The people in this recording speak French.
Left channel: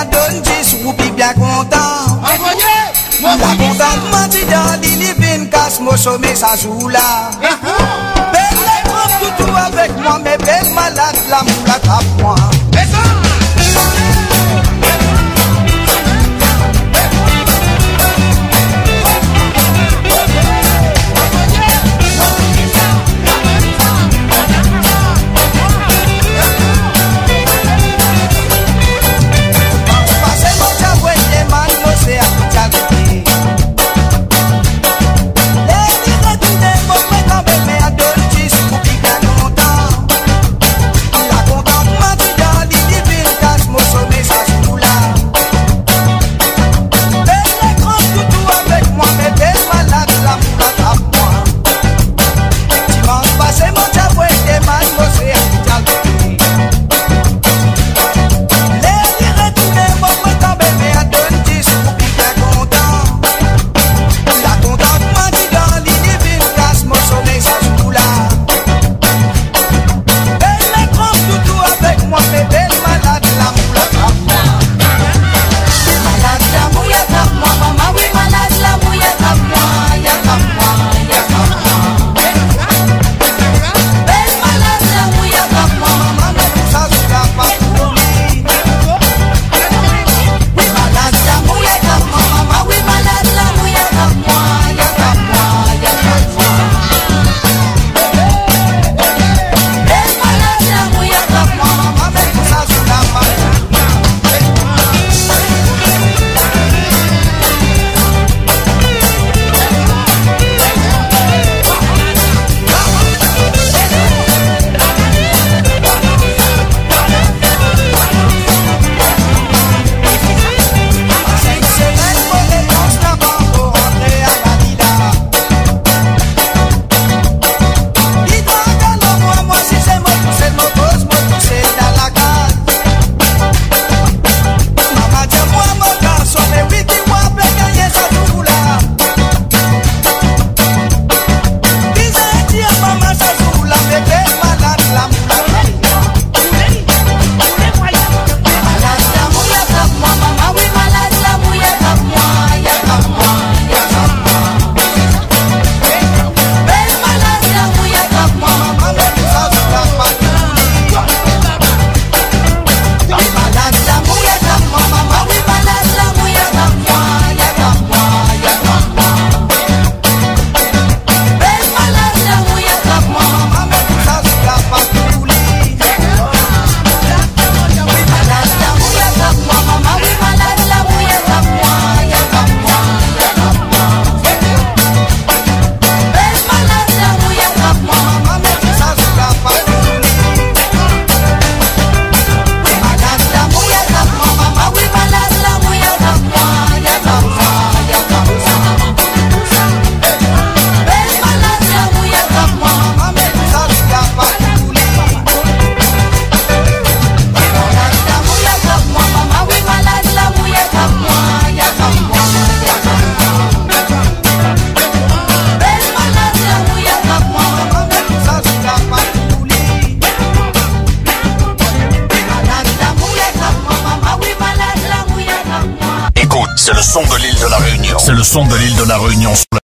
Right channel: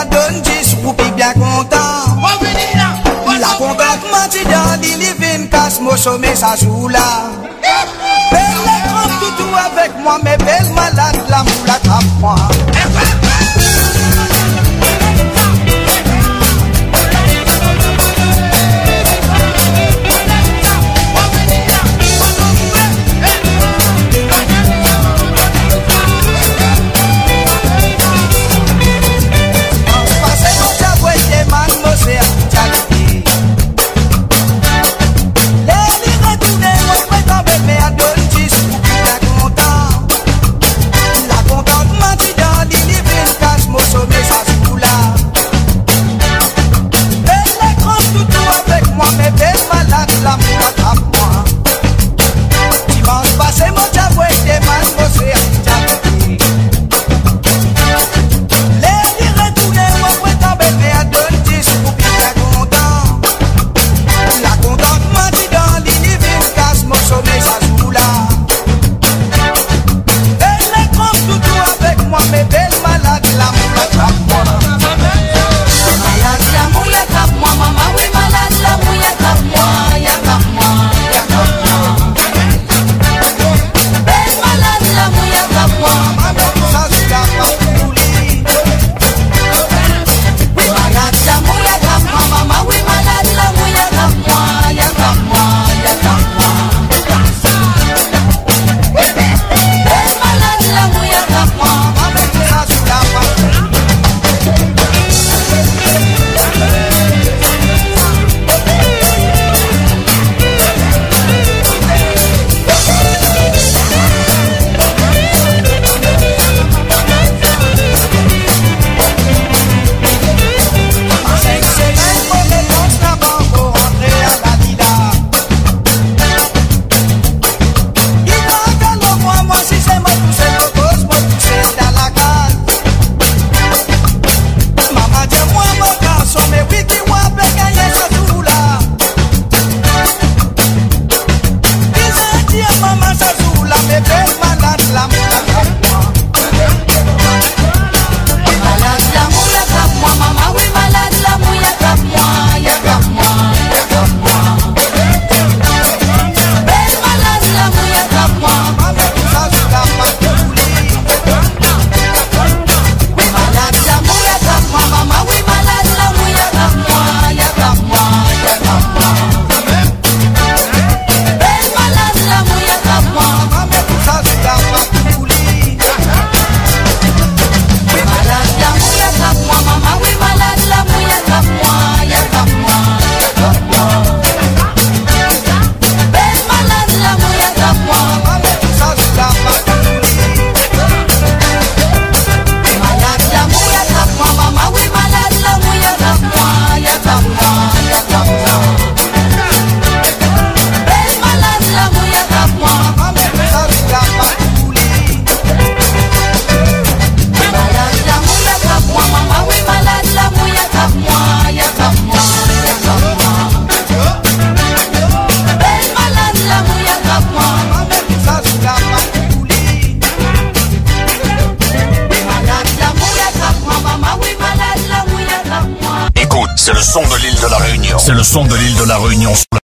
à donne 10 roupies bien content. La contente menti dans l'île vin casse mon sommet ça joue là. Belle les grands toutou avec moi, mais belle malade la moule attrape moi. C'est mon tabouet des man, c'est un les retourner, moi, pour tomber, mais à donner 10 pour bien content. La contente m'a dit dans l'île, casse mon sommeil, ça joue là. Belle les grands toutou avec moi, mais belle malade, la moule attrape moi. Malade, la moule attrape moi, maman, oui, malade, la moule attrape moi, y'a attrape moi, y'a attrape moi. Maman, mais tout ça, je garde pas pour lui. Oui, malade, la moule attrape moi, maman, oui, malade, la moule attrape moi, y'a attrape moi, y'a attrape moi. Eh, malade, la moule attrape moi, maman, mais tout ça, je garde pas pour lui. C'est le son de l'île de la Réunion. C'est le son de l'île de la Réunion sur la